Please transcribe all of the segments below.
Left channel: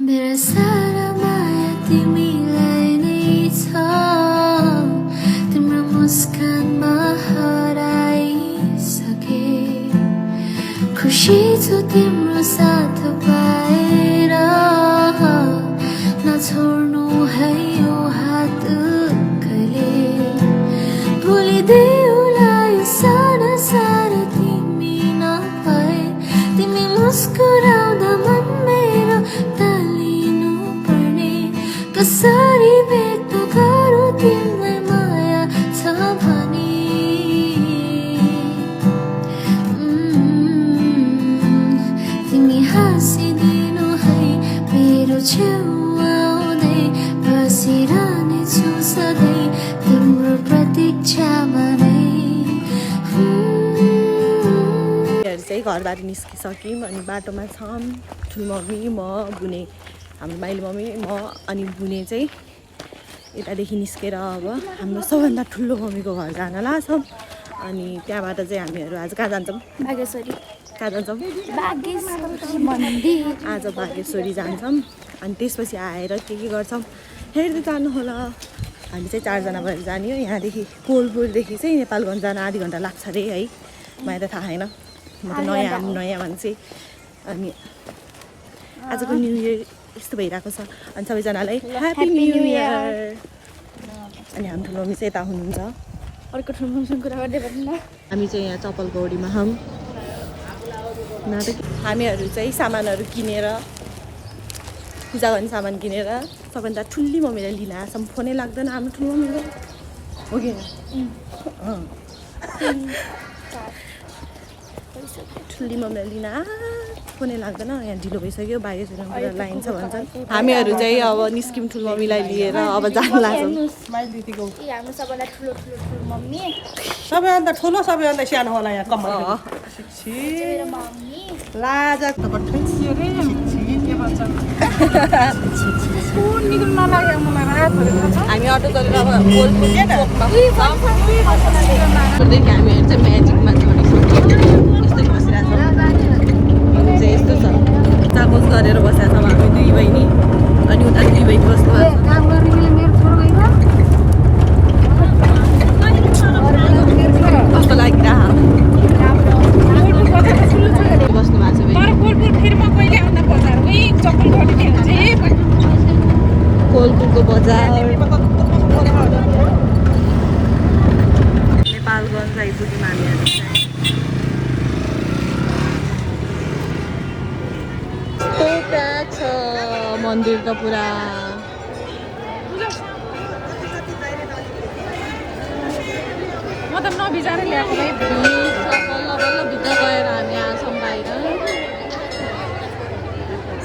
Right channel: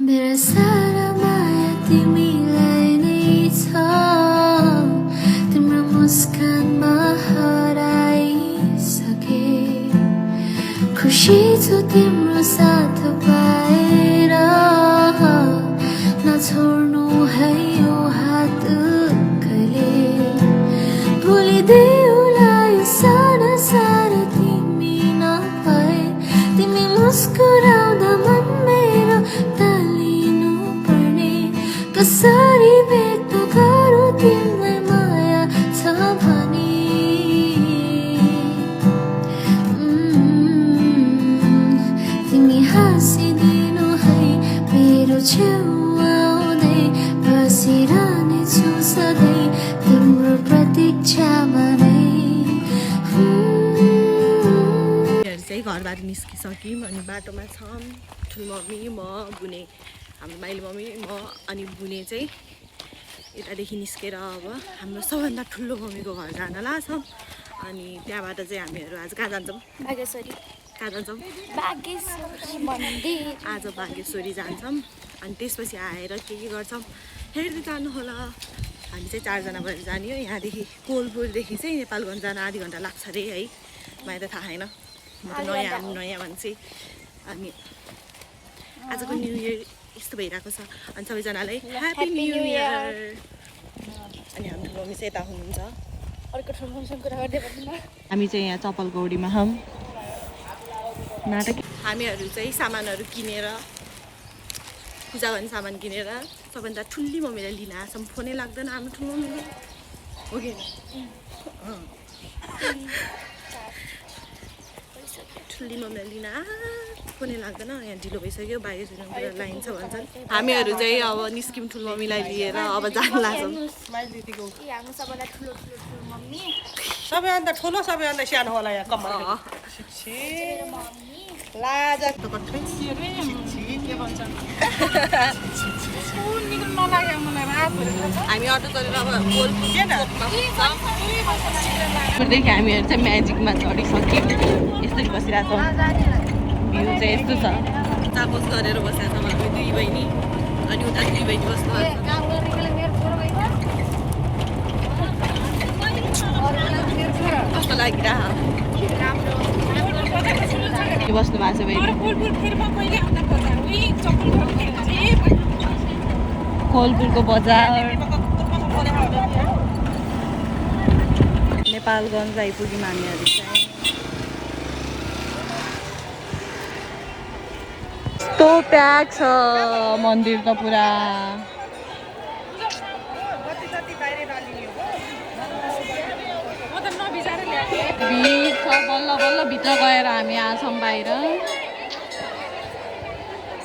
मेरा सारा माया तिमीलाई नै छ तिम्रो मुस्कानमा हराइसके खुसी छु तिम्रो साथ पाएर नछोड्नु है यो हात कहिले भुलिदेऊला यो सारा सारा तिमी नभए तिमी मुस्कुराउँदा मन मेरो तालिनु पर्ने कसरी व्यक्त गरौँ तिमीलाई माया छ भने तिमी हाँसिदिनु है मेरो छेउ आउँदै बसिरहनेछु सधैँ तिम्रो प्रतीक्षामा नै चाहिँ घरबाट निस्किसक्यौँ अनि बाटोमा छौँ ठुलो मम्मी म बुने हाम्रो माइली मम्मी म अनि बुने चाहिँ यतादेखि निस्केर अब हाम्रो सबभन्दा ठुलो मम्मीको घर जान लाग्छौँ अनि त्यहाँबाट चाहिँ हामीहरू आज कहाँ जान्छौँ बागेश्वरी कहाँ जान्छौँ आज बागेश्वरी जान्छौँ अनि त्यसपछि आएर के गर्छौँ हेर्दै जानु होला हामी चाहिँ 4 जना भएर जाने हो यहाँदेखि कोलपुरदेखि चाहिँ नेपालगञ्ज जान आधी घन्टा लाग्छ अरे है मलाई त थाहा छैन म त नयाँ मान्छे अनि आजको न्यु इयर यस्तो भइरहेको छ अनि सबैजनालाई ह्याप्पी न्यु इयर अनि हाम्रो ठुलो मम्मी चाहिँ यता हुनुहुन्छ अर्को ठुलो मम्मीसँग कुरा गर्दै गर्नु न हामी चाहिँ यहाँ चप्पल गौडीमा हौँ नाटक हामीहरू चाहिँ सामानहरू किनेर पूजा गर्ने सामान किनेर सबभन्दा ठुली मम्मीलाई लिन आएछौँ फोनै लाग्दैन हाम्रो ठुलो मम्मीको हो कि ठुली मम्मीलाई लिन फोनै लाग्दैन यहाँ ढिलो भइसक्यो बागेश्वरीमा पुरा लाइन छ भन्छन् हामीहरू चाहिँ अब निस्क्यौँ ठुलो मम्मीलाई लिएर अब जान लाग्छौँ सबैभन्दा ठुलो सबैभन्दा सानो होला यहाँ कम्मल हामी अटो गरेर अब कोलपुरदेखि हामीहरू चाहिँ म्याजिकमा चढिसक्यौँ यस्तै बसिरहेको छौँ चाहिँ यस्तो छ चामोस गरेर बसेको छौँ हामी 2 बहिनी अनि उता 2 बहिनी बस्नु कस्तो लाग्दा बस्नु भएको छ कोलपुरको बजार नेपालगञ्ज आइपुग्यौँ हामीहरू यस्तो प्याक छ मन्दिर त पुरा भिड छ बल्ल बल्ल भित्र गएर हामी आछौँ बाहिर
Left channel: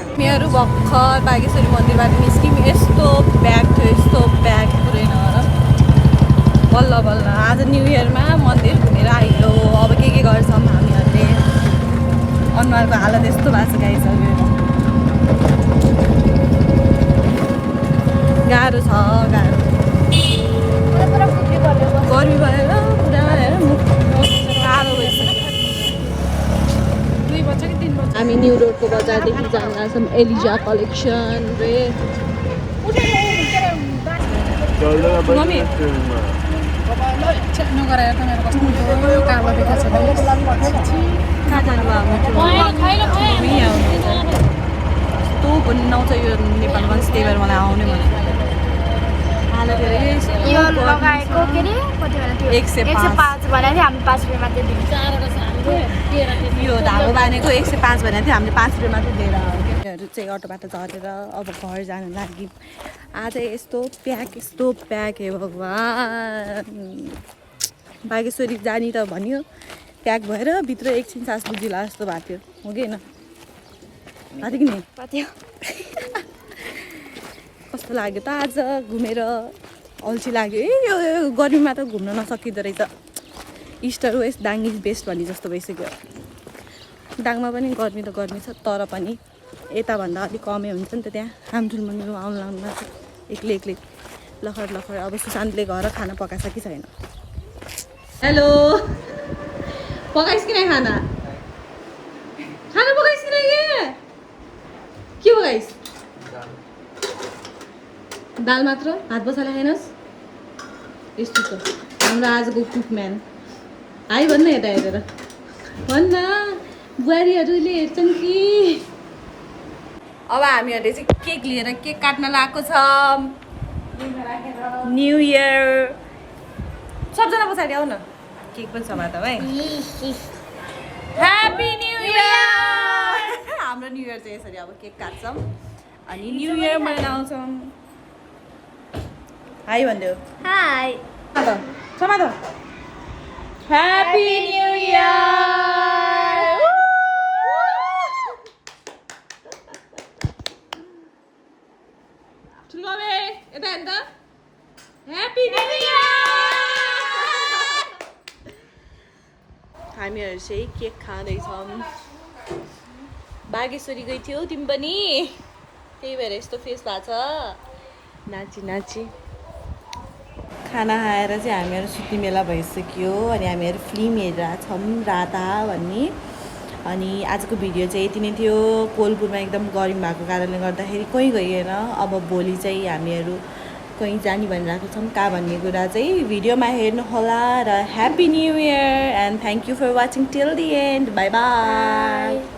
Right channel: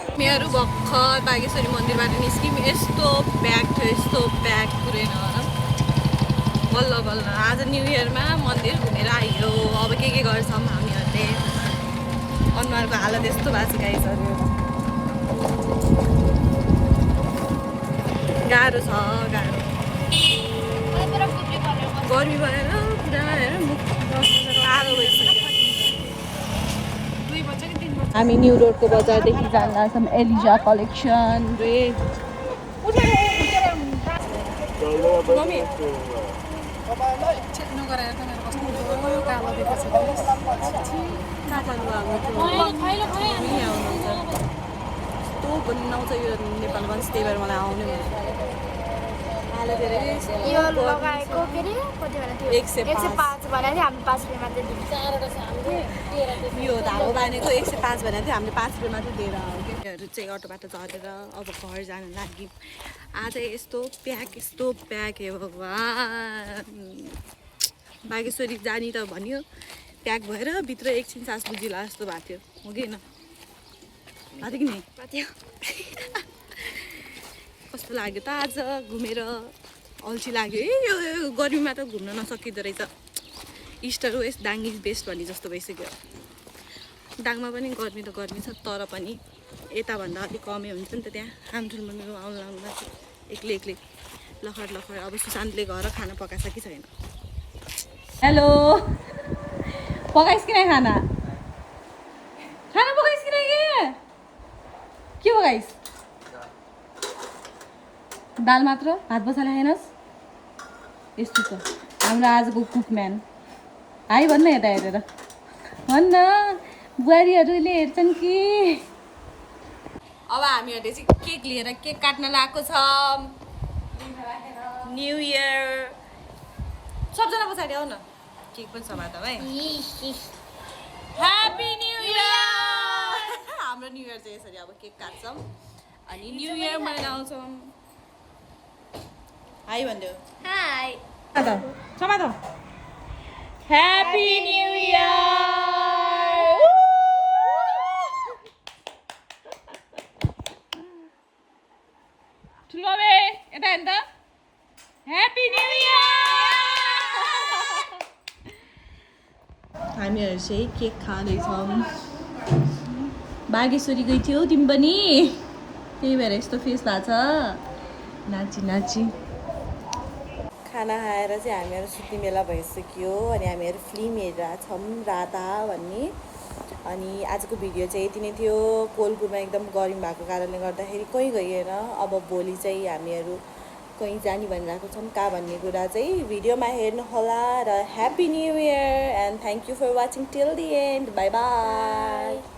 हामीहरू भर्खर बागेश्वरी मन्दिरबाट निस्क्यौँ यस्तो प्याक थियो पुरै बल्ल बल्ल आज न्यु इयरमा मन्दिर घुमेर आयो अब के गर्छौँ हामीहरूले अनुहारको हालत यस्तो भएको छ गाइसक्यो गाह्रो छ गर्मी भएर पुरा हेर मुख कालो भइसक्यो हामी न्यु रोडको बजारदेखि जान लाग्छौँ एलिजा कलेक्सन रे मम्मी कालो देखाएको छ कहाँ जानु यस्तो बनाउँछ यो नेपालगञ्ज त्यही भएर मलाई आउने मन यो लगाएको के अरे कति बेला थियो 105 भनेको थियो हामी 5 रुपियाँ मात्रै दिन्छ यो धागो बाँधेको 105 भनेको थियो हामीले 5 रुपियाँ मात्रै दिएर आयो क्या चाहिँ अटोबाट झरेर अब घर जान लाग्यौँ आज यस्तो प्याक हे भगवान् बागेश्वरी जाने त भन्यो प्याक भएर भित्र एकछिन सास बुझिला जस्तो भएको थियो हो कि होइन कि नि कस्तो लाग्यो त आज घुमेर अल्छी लाग्यो यो गर्मीमा त घुम्न नसकिँदो रहेछ इस्ट र वेस्ट दाङ इज बेस्ट भन्ने जस्तो भइसक्यो दाङमा पनि गर्मी त गर्मी छ तर पनि यताभन्दा अलिक कमै हुन्छ नि त त्यहाँ हाम्रो मन्दिरमा आउनु लाग्नुमा एक्लै लखर अब सुशान्तले घर खाना पकाएछ कि छैन हेलो पकाइस् कि नै खाना पकाइस् कि नै के पकाइस् दाल मात्र भात बसाले खाइनस् यस्तो छ हाम्रो आजको कुकम्यान हाई भन्न यता हेरेर भन्न बुहारीहरूले हेर्छन् कि अब हामीहरूले चाहिँ केक लिएर केक काट्न लगाएको छ न्यू इयर सबजना पछाडि आऊ न केक पनि छ त है ह्यापी न्यू इयर हाम्रो न्यू इयर चाहिँ यसरी अब केक काट्छौँ अनि न्यू इयर मनाउँछौँ हाई भनिदेऊ हाई समात ह्यापी न्यू इयर ठुलो बे यता हेर्नु त ह्यापी न्यू इयर हामीहरू चाहिँ केक खाँदैछौँ बागेश्वरी गई थियौ तिमी पनि त्यही भएर यस्तो फेस भएको छ नाची नाची खाना खाएर चाहिँ हामीहरू सुत्ने बेला भइसक्यो अनि हामीहरू फिल्म हेरिरहेछौँ राधा भन्ने अनि आजको भिडियो चाहिँ यति नै थियो कोलपुरमा एकदम गरम भएको कारणले गर्दाखेरि कोही गइएन अब भोलि चाहिँ हामीहरू कहीँ जाने भनिरहेको छौँ कहाँ भन्ने कुरा चाहिँ भिडियोमा हेर्नुहोला र happy new year and thank you for watching till the end bye by